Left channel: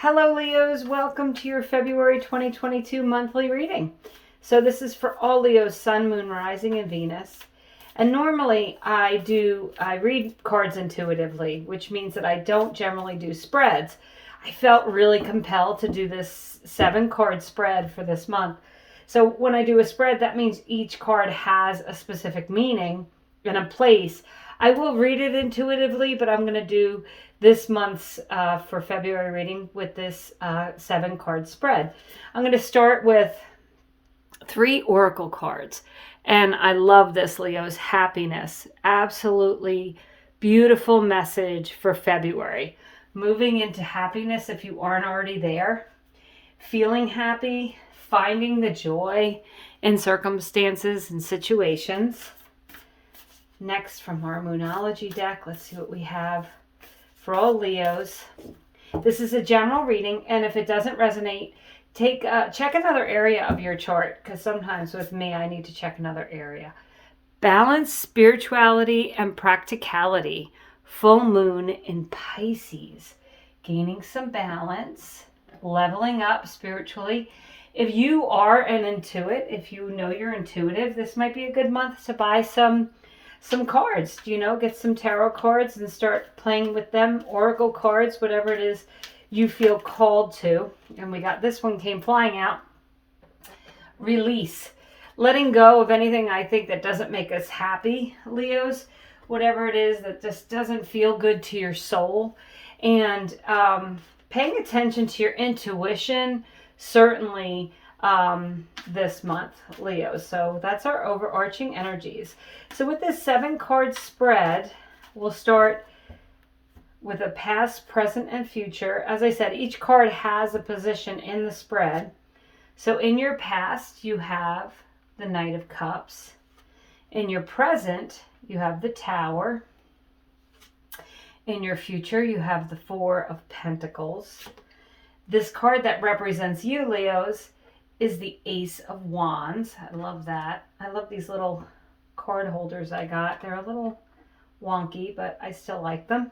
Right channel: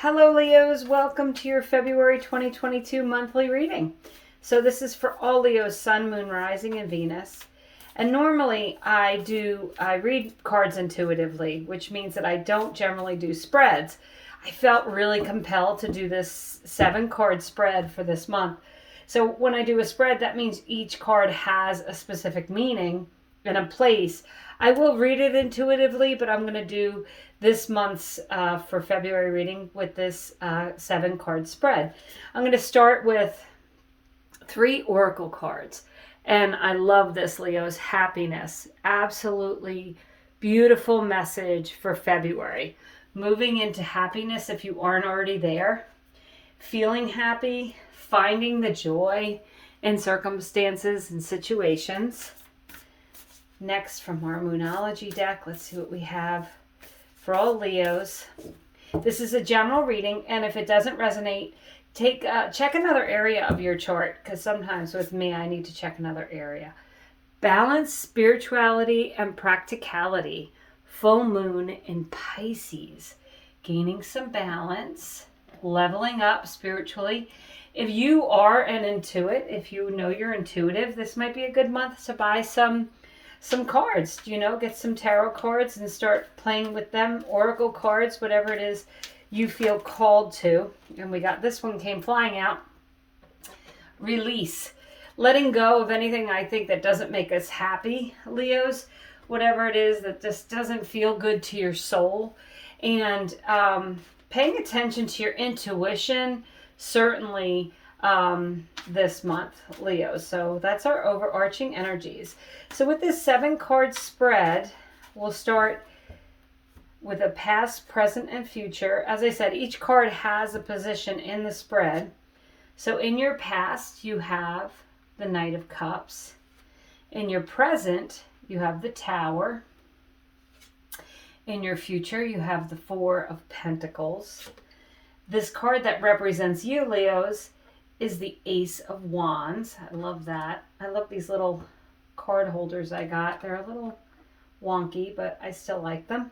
Hello Leos, welcome to your February 2022 monthly reading. So this is for all Leos, Sun, Moon, Rising, and Venus. And normally I read cards intuitively, which means that I don't generally do spreads. I felt really compelled to do this 7-card spread for this month. So when I do a spread, that means each card has a specific meaning and a place. I will read it intuitively, but I'm going to do this month's for February reading with this 7-card spread. I'm going to start with 3 oracle cards. And I love this, Leo's happiness. Absolutely beautiful message for February. Moving into happiness if you aren't already there. Feeling happy, finding the joy in circumstances and situations. Next, from our Moonology deck, let's see what we have for all Leos. This is a general reading, and if it doesn't resonate, check another area of your chart, because sometimes with me, I need to check another area. Balance, spirituality, and practicality. Full moon in Pisces. Gaining some balance, leveling up spiritually. If you are an intuit, if you know you're intuitive, this might be a good month to buy some cards, get some tarot cards and start playing with them, oracle cards, whatever it is you feel called to. And we got this one came flying out. Release, letting go of anything I think that doesn't make us happy, Leos, whatever it is that just doesn't feel good to your soul. And paying attention to your intuition, certainly this month, Leo. So that's our overarching energies. So with this 7-card spread, we'll start with a past, present, and future. As I said, each card has a position in the spread. So in your past, you have the Knight of Cups. In your present, you have the Tower. In your future, you have the Four of Pentacles. This card that represents you, Leos, is the Ace of Wands. I love that. I love these little card holders I got. They're a little wonky, but I still like them.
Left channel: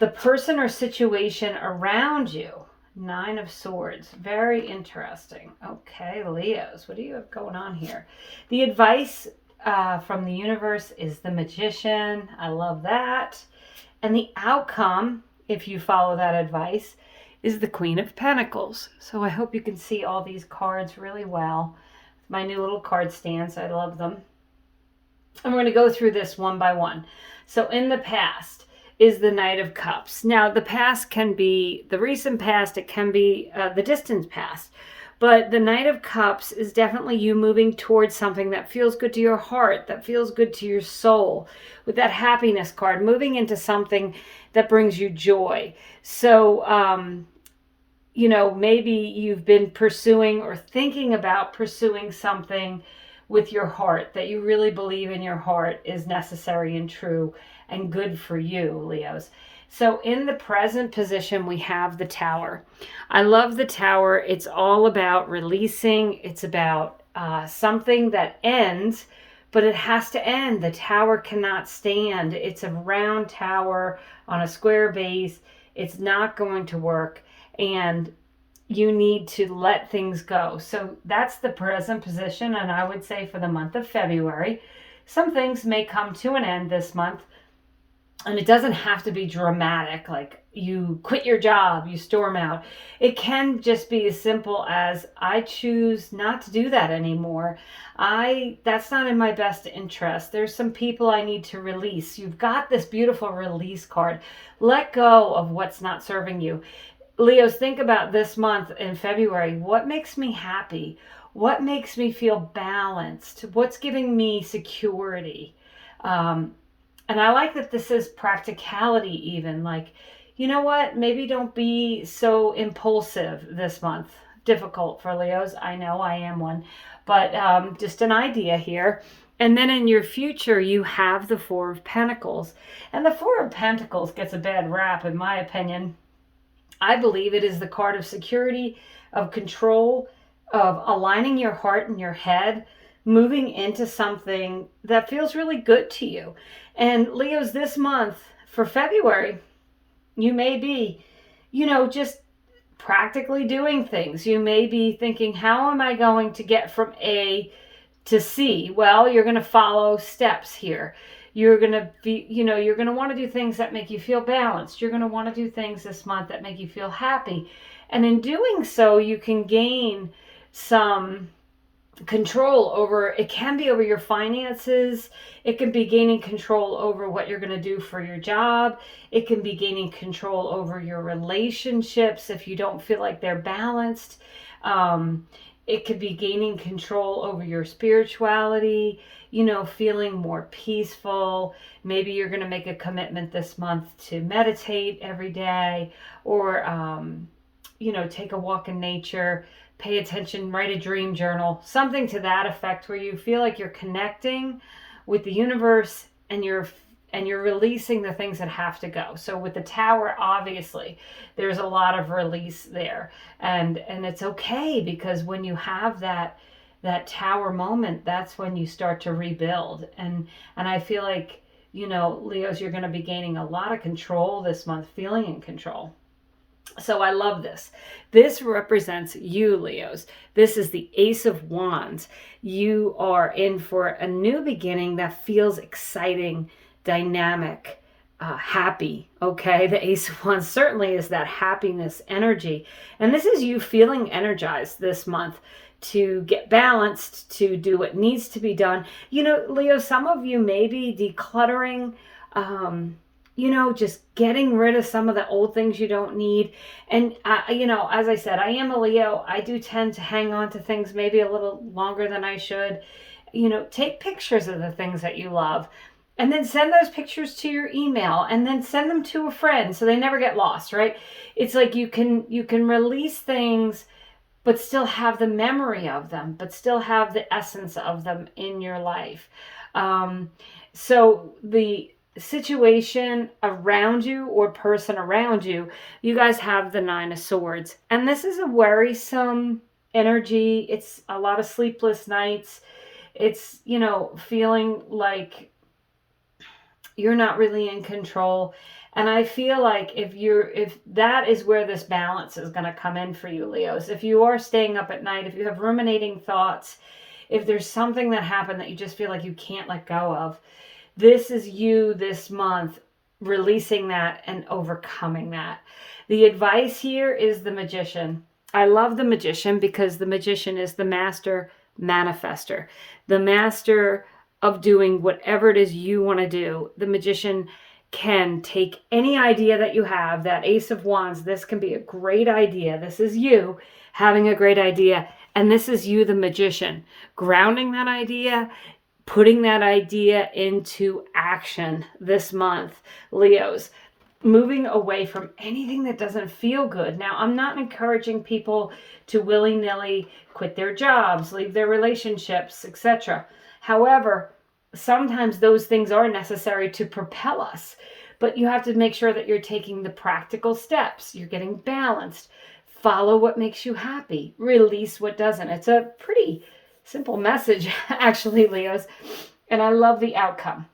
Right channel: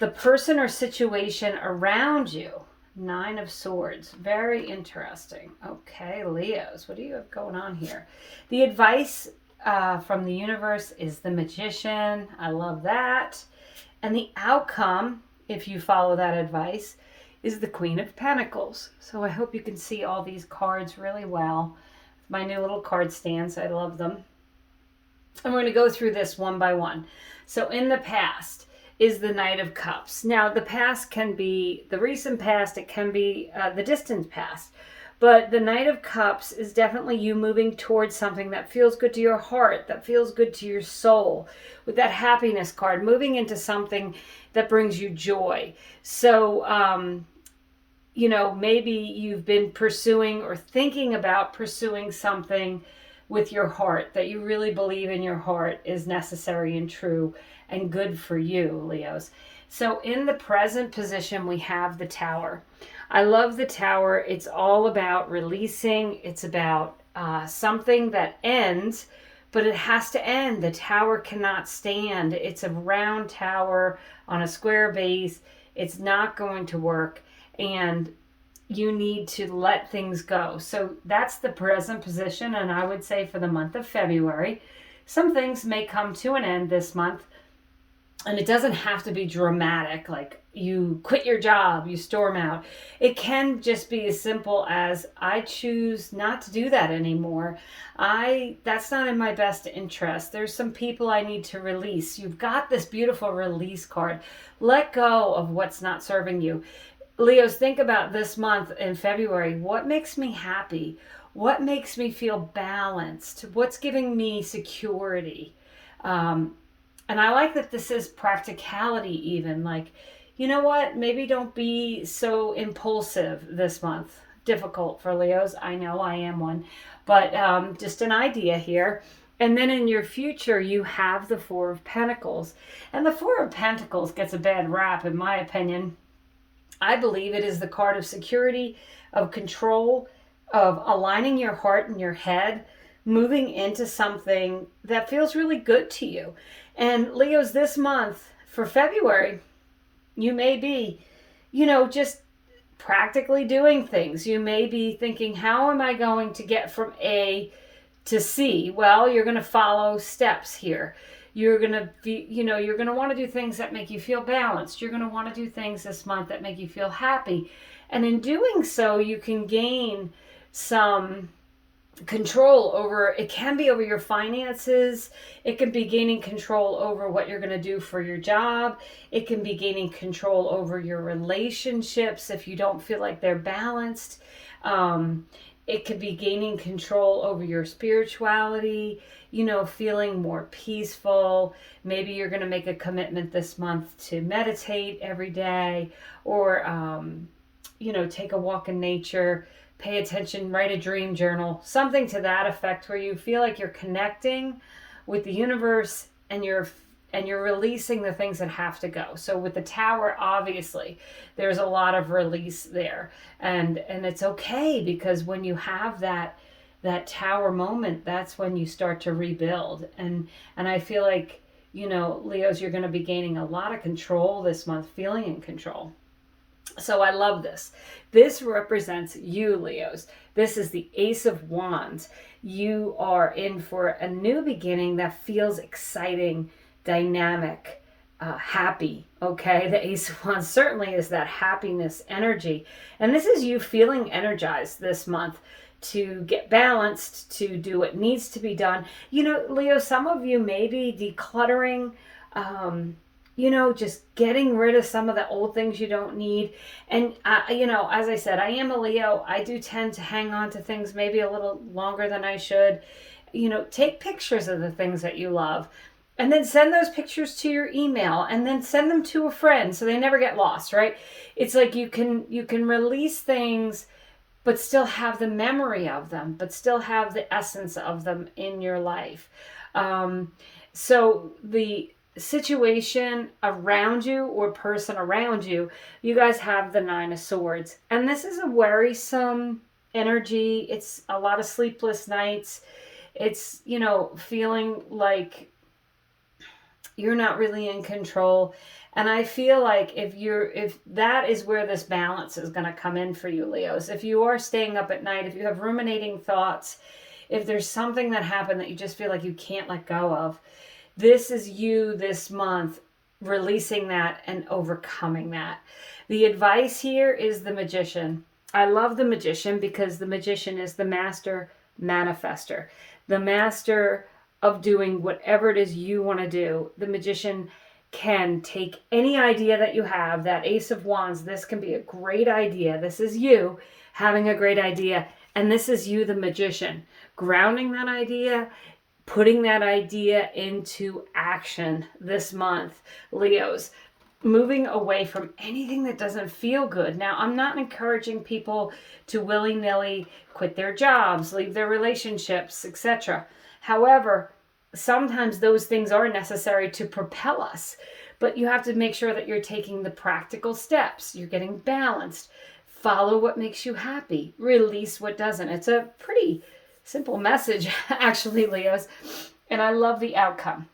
The person or situation around you, 9 of Swords. Very interesting. Okay, Leos, what do you have going on here? The advice from the universe is the Magician. I love that. And the outcome, if you follow that advice, is the Queen of Pentacles. So I hope you can see all these cards really well. My new little card stands, I love them. And we're going to go through this one by one. So in the past is the Knight of Cups. Now the past can be the recent past, it can be the distant past. But the Knight of Cups is definitely you moving towards something that feels good to your heart, that feels good to your soul. With that happiness card, moving into something that brings you joy. So, maybe you've been pursuing or thinking about pursuing something with your heart that you really believe in your heart is necessary and true and good for you, Leos. So in the present position, we have the Tower. I love the Tower. It's all about releasing. It's about something that ends, but it has to end. The Tower cannot stand. It's a round tower on a square base. It's not going to work. And you need to let things go. So that's the present position. And I would say for the month of February, some things may come to an end this month. And it doesn't have to be dramatic, like you quit your job, you storm out. It can just be as simple as, I choose not to do that anymore. That's not in my best interest. There's some people I need to release. You've got this beautiful release card. Let go of what's not serving you. Leos, think about this month in February. What makes me happy? What makes me feel balanced? What's giving me security? And I like that this is practicality even. Like, you know what? Maybe don't be so impulsive this month. Difficult for Leos. I know I am one. But just an idea here. And then in your future, you have the Four of Pentacles. And the Four of Pentacles gets a bad rap, in my opinion. I believe it is the card of security, of control, of aligning your heart and your head, moving into something that feels really good to you. And Leos, this month for February, you may be just practically doing things. You may be thinking, how am I going to get from A to C? Well, you're going to follow steps here. You're going to be, you're going to want to do things that make you feel balanced. You're going to want to do things this month that make you feel happy. And in doing so, you can gain some control over, it can be over your finances. It can be gaining control over what you're going to do for your job. It can be gaining control over your relationships if you don't feel like they're balanced. It could be gaining control over your spirituality, feeling more peaceful. Maybe you're going to make a commitment this month to meditate every day, or take a walk in nature, pay attention, write a dream journal, something to that effect, where you feel like you're connecting with the universe and you're releasing the things that have to go. So with the Tower, obviously, there's a lot of release there. And it's okay, because when you have that Tower moment, that's when you start to rebuild. And I feel like, Leos, you're going to be gaining a lot of control this month, feeling in control. So I love this. This represents you, Leos. This is the Ace of Wands. You are in for a new beginning that feels exciting, dynamic, happy. Okay, the Ace of Wands certainly is that happiness energy. And this is you feeling energized this month to get balanced, to do what needs to be done. Leo, some of you may be decluttering, just getting rid of some of the old things you don't need. And, as I said, I am a Leo. I do tend to hang on to things maybe a little longer than I should. Take pictures of the things that you love, and then send those pictures to your email, and then send them to a friend so they never get lost, right? It's like you can release things, but still have the memory of them, but still have the essence of them in your life. So the situation around you or person around you, you guys have the Nine of Swords. And this is a worrisome energy. It's a lot of sleepless nights. It's, feeling like you're not really in control. And I feel like if that is where this balance is going to come in for you, Leos, if you are staying up at night, if you have ruminating thoughts, if there's something that happened that you just feel like you can't let go of, this is you this month releasing that and overcoming that. The advice here is the Magician. I love the Magician because the Magician is the master manifester, the master of doing whatever it is you want to do. The Magician can take any idea that you have, that Ace of Wands, this can be a great idea. This is you having a great idea. And this is you, the Magician, grounding that idea, putting that idea into action this month, Leos. Moving away from anything that doesn't feel good. Now, I'm not encouraging people to willy-nilly quit their jobs, leave their relationships, etc. However, sometimes those things are necessary to propel us. But you have to make sure that you're taking the practical steps. You're getting balanced. Follow what makes you happy. Release what doesn't. It's a pretty simple message, actually, Leos. And I love the outcome.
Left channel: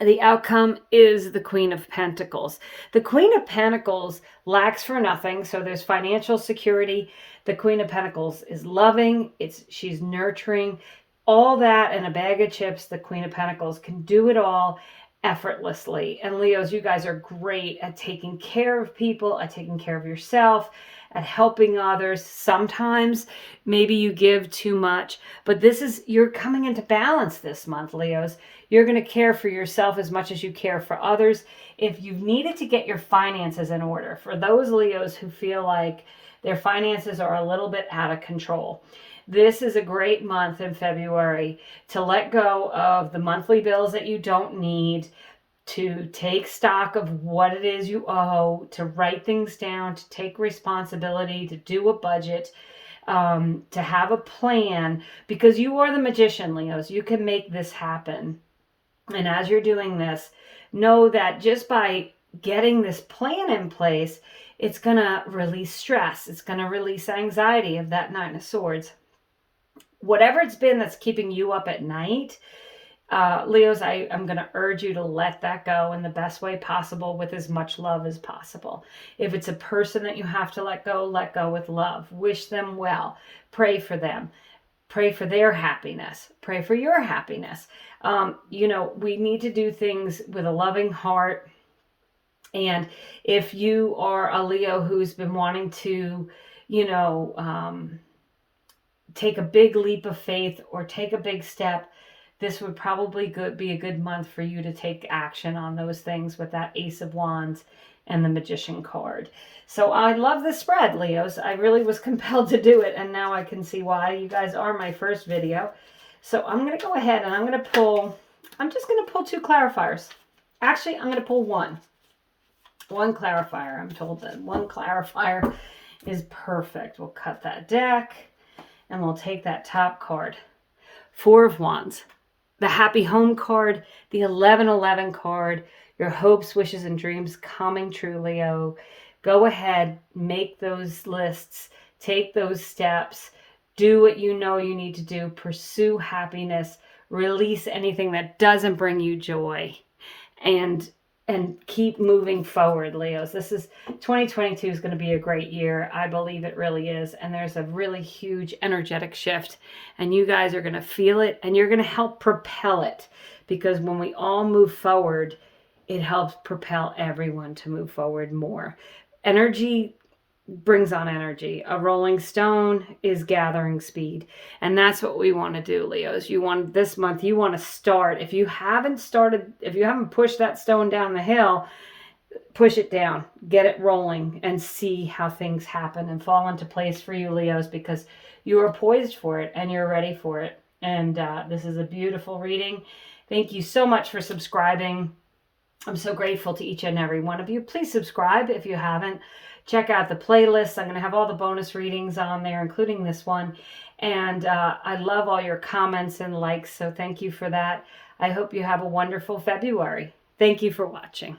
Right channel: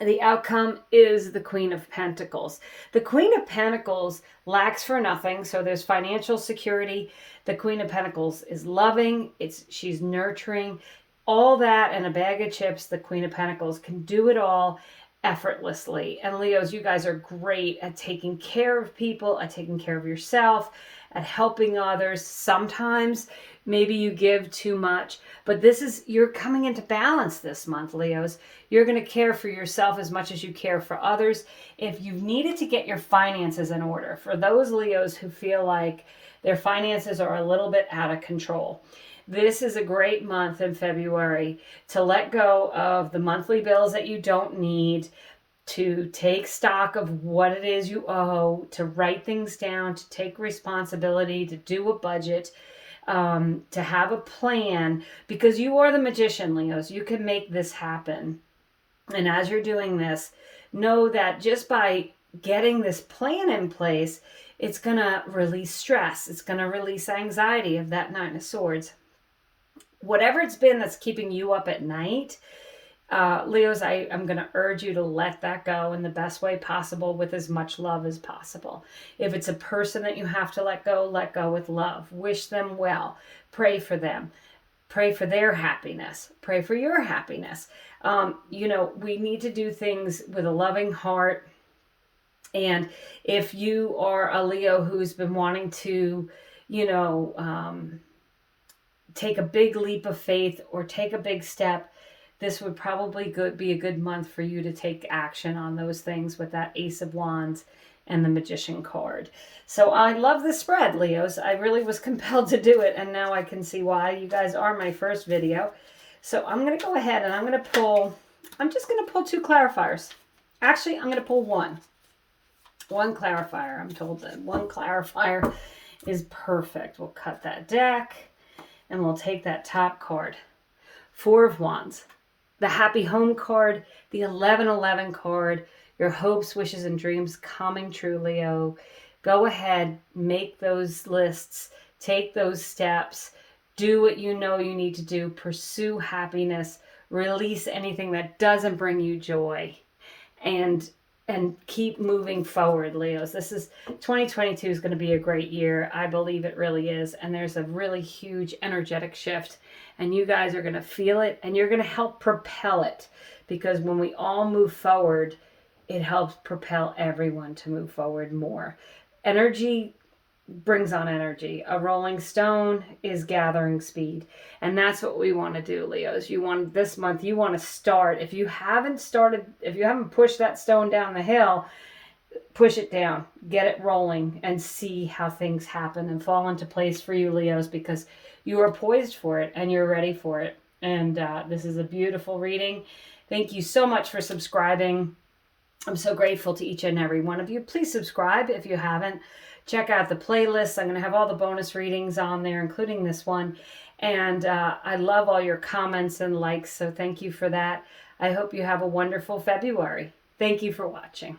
The outcome is the Queen of Pentacles. The Queen of Pentacles lacks for nothing, so there's financial security. The Queen of Pentacles is loving. She's nurturing. All that and a bag of chips, the Queen of Pentacles can do it all effortlessly. And Leos, you guys are great at taking care of people, at taking care of yourself, at helping others. Sometimes maybe you give too much, but you're coming into balance this month, Leos. You're going to care for yourself as much as you care for others. If you've needed to get your finances in order, for those Leos who feel like their finances are a little bit out of control, this is a great month in February to let go of the monthly bills that you don't need, to take stock of what it is you owe, to write things down, to take responsibility, to do a budget, to have a plan, because you are the Magician, Leos. You can make this happen. And as you're doing this, know that just by getting this plan in place, it's going to release stress. It's going to release anxiety of that Nine of Swords. Whatever it's been that's keeping you up at night, Leos, I'm going to urge you to let that go in the best way possible with as much love as possible. If it's a person that you have to let go with love. Wish them well. Pray for them. Pray for their happiness. Pray for your happiness. We need to do things with a loving heart. And if you are a Leo who's been wanting to, take a big leap of faith or take a big step, this would probably be a good month for you to take action on those things with that Ace of Wands and the Magician card. So I love the spread, Leos. I really was compelled to do it, and now I can see why. You guys are my first video. So I'm going to go ahead and I'm just going to pull 2 clarifiers. Actually, I'm going to pull one clarifier. I'm told that one clarifier is perfect. We'll cut that deck and we'll take that top card. 4 of Wands. The Happy Home card, the 1111 card, your hopes, wishes, and dreams coming true, Leo. Go ahead, make those lists, take those steps, do what you know you need to do, pursue happiness, release anything that doesn't bring you joy, and keep moving forward, Leos. 2022 is going to be a great year. I believe it really is. And there's a really huge energetic shift. And you guys are going to feel it. And you're going to help propel it. Because when we all move forward, it helps propel everyone to move forward more. Energy brings on energy. A rolling stone is gathering speed. And that's what we want to do, Leos. This month, you want to start. If you haven't pushed that stone down the hill, push it down, get it rolling, and see how things happen and fall into place for you, Leos, because you are poised for it and you're ready for it. And this is a beautiful reading. Thank you so much for subscribing. I'm so grateful to each and every one of you. Please subscribe if you haven't. Check out the playlist. I'm going to have all the bonus readings on there, including this one. And I love all your comments and likes, so thank you for that. I hope you have a wonderful February. Thank you for watching.